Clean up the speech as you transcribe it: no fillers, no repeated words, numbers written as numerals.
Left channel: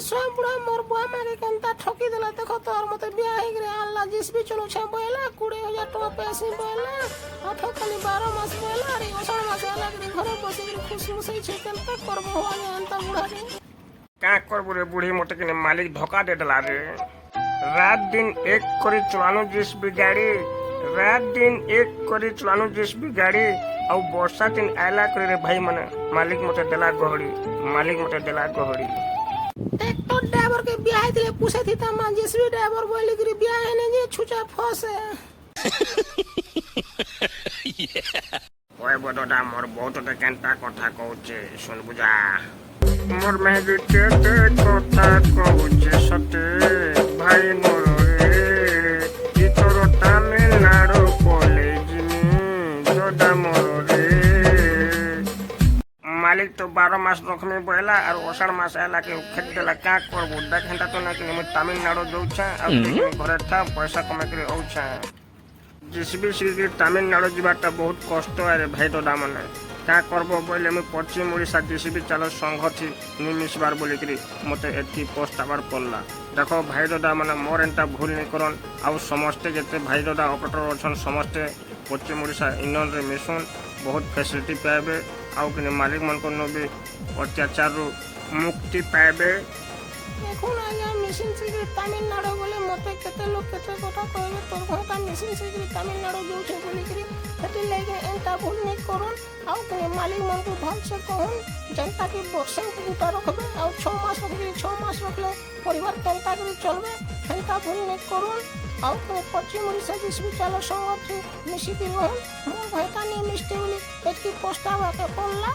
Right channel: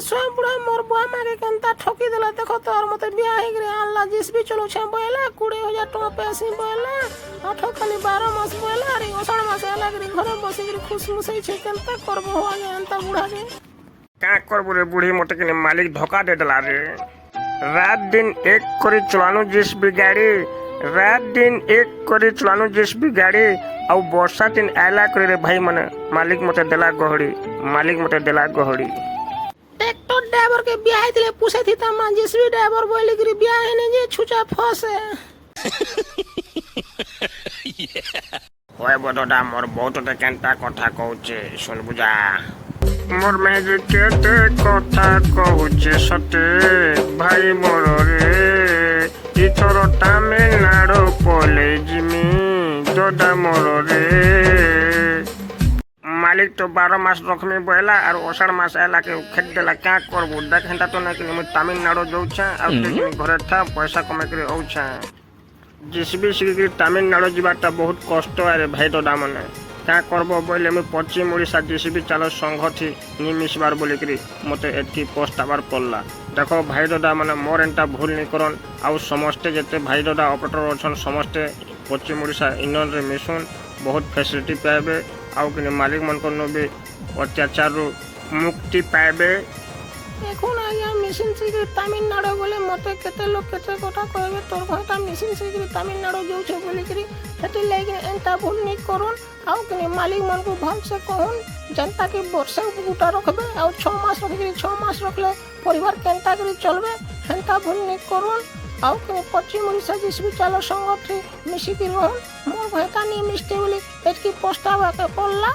स्वयं बुढ़ा मोर बुआ माँ के केंता ठोकी देला देखो तोर मते बियाह हे गरे अल्लाह जिस भी चलो छे बोला 20,000 टका पैसे बोला आठो खाली 12 मास बोला अरे ओसण मास आला गरे घरे बसी गरे खुश मुसई छे केंता करबो हो जे अंता बुढ़ा रे क्या करबो रे बुढ़ी मोटे के मालिक धोखा दे दिला रे। रात दिन एक करी चलानो जिस भी गाड़ी रात दिन एक करी चलानो जिस भी गाड़ी और वर्षा दिन आला करे रे भाई मने मालिक मते देला गहड़ी ट्रैक्टर ड्राइवर के बियाह दिले पूछे थी तमा जिसवी ड्राइवर बोली गरी बियाह ने जे छुचा फसे ओए बडोडा मोर बहुत ते केंता कथा कहूचे सुन बुझा मोर में जे केते कथा कहूचे सते भाई मोर रे इथर तमिलनाडु कॉलेज में जोदा मोर रे मालिक तो 12 मास रखमी बोला और ओसर मास आला के खेत देला क्या करबो देख हेंता तो ना कि हम तमिलनाडु जाउछा और घरे था पैसा कमा के औछा जिसबी सिगी तमिलनाडु जीवाटा बहुत कष्ट है भाई दादा माने क्या करबो बोले मैं पश्चिम ओडिशा जिसबी चलो संघ थी निमिशबार बोली करी मते एथि पोस्ट आबार पड़ला देखो भाई दादा माने मोर एंटा भूल नहीं करन आउ समस्ते जते भाई दादा ऑपरेटर अछन समस्ते पश्चिम ओडिशा यूनियन रे मिशन बहुत फैसिलिटी पाइबे आउ कि मालिक मन को भी अत्याचार मुक्ति पाइबे এখন আয়া মেশিন से तमिलनाडु बोले मते केते लोग केते कथा कहबे तोर भाटा मेशिन से तमिलनाडु जाउछे बोली करी हेतु लागे एंता भूल नहीं करन आउ कि मालिक मन को भाग से कहन जनता के वर्षा गुटा रखबे आउ 6 मास रखबे 6 मास रखले परिवार केंता करी चलबे एंता भूल नहीं करन आउ कि पश्चिम ओडिशा जिसबी चलो संघ थी मिसी की रहन मोर भाटा नहीं मिस्टे बोली एतकी प्रस्ताव के पड़ला